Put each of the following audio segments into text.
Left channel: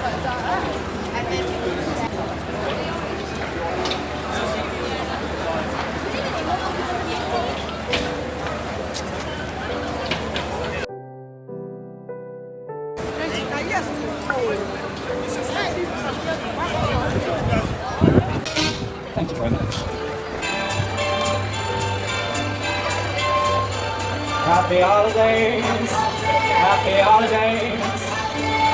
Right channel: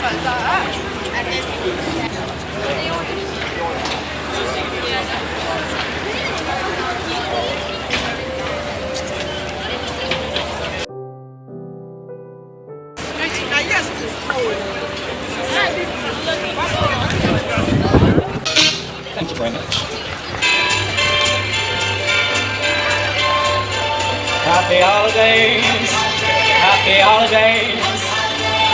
Thank you very much. Happy holidays, happy holidays.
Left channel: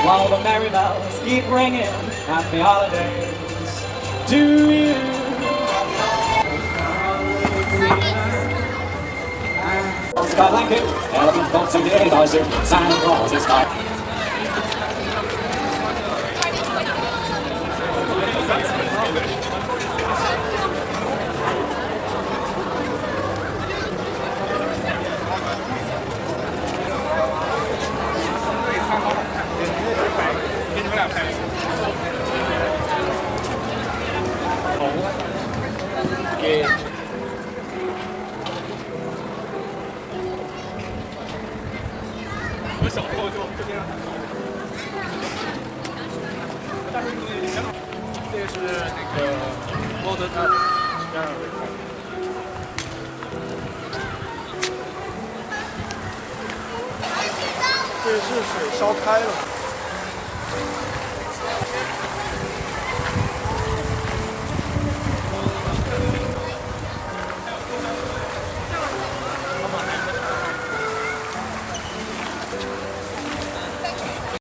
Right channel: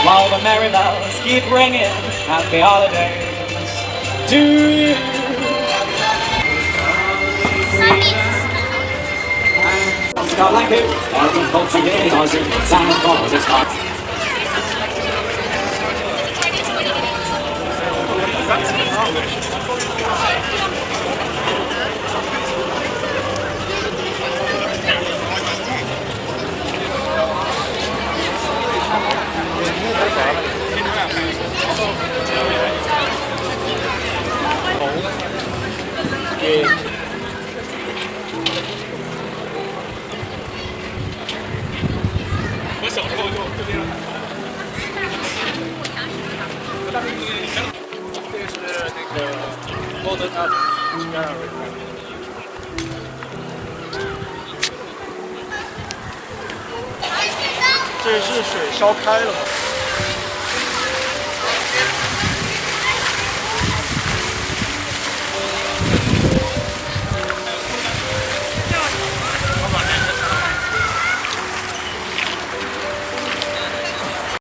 While the merry bells keep ringing, happy holidays to you. Scott like you, elephant boats and gators, Santa Claus is hot.这是水烧开了。